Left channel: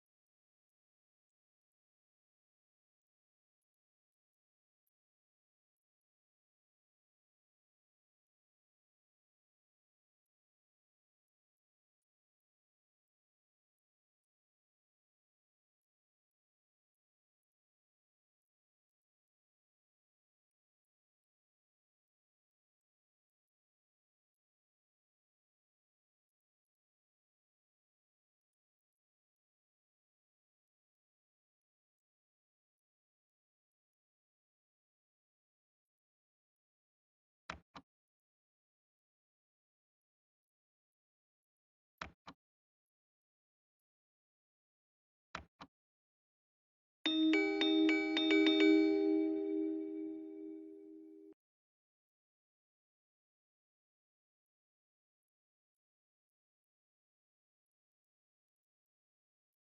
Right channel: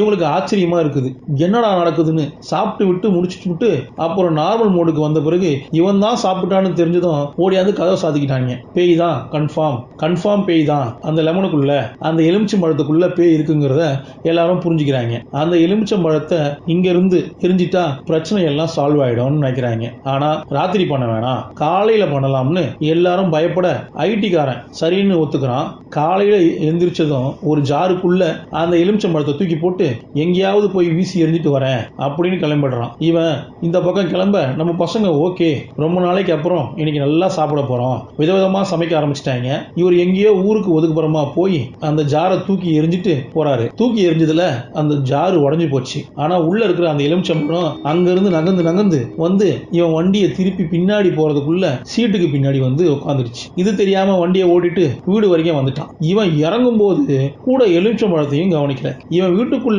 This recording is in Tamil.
இவங்களுக்கு ஆச்சரியமா இருக்குது. என்னடா நடக்குதுன்னு சாப்பிட்டு விட்டு முடிச்சுட்டு அப்புறம் நார்மல் மோடுக்கு வந்த பிறகு இவன் தான் சாப்பிட்டான்னு தெரிஞ்சதும் ஓடியாந்து கதவை சாத்திக்கிட்டாங்க. பேய் தான் கன்ஃபார்ம் பேய் தான். அந்த லெமனுக்குள்ள அந்த எலுமிச்சம் பழத்துக்குள்ள பேய் இருக்குங்கிறத எல்லாரும் புரிஞ்சுக்கிறாங்க. அந்த எலுமிச்சம் பழத்தை இங்க இருந்து எரிஞ்சிட்டா பிரச்சனை எல்லாம் சால்வ் ஆயிடும்னு நினைக்கிறாங்க. ஆனா ராத்திரி பண்ண வேணாம், காலையில பண்ணலாம்னு எல்லாரும் பயப்பட ஐடிக்காரன் சரின்னு ஒத்துக்கிறான். காலையில எந்திரிச்சதும் ஒரு ஜாருக்குள்ள அந்த எலுமிச்சம் பழத்தை தூக்கி போட்டு எங்கேயாவது போய் வீசி எறிஞ்சிட்டு வரேன் அப்படின்னு கிளம்பிடுறான். இவன் இந்த பக்கம் கிளம்ப நம்ம பசங்க ஓகே, ரொம்ப நாளைக்கு அப்புறம் இன்னைக்கு நல்லா சாப்பிட போறோம், விதவிதமா சமைக்க ஆரம்பிச்சிட்டாங்க. இவர் எங்கேயோ ஊருக்கு ஒதுக்குப்புறமா போய் அந்த ஜாரை தூக்கி எரிஞ்சிட்டு போறாரு. தூக்கி எரிஞ்சதுல அந்த ஜாரு உடஞ்சு போச்சு. ஆனா உள்ள இருக்கிற அந்த எலுமிச்சம்பழம் அங்கிருந்து நகர்ந்து வந்து இவன் வண்டியை திருப்பி பின்னாடி போறதுக்குள்ள சீட்டுக்கு பின்னாடி வந்து உட்காந்துருச்சு. இது தெரியாம வண்டியை ஓட்டிட்டு வீடு வரைக்கும் வந்துட்டான். இவன் இறங்கும் போது கூட எலுமிச்சம்பழத்தையும் கவனிக்கல. இவன் வீட்டுக்குள்ள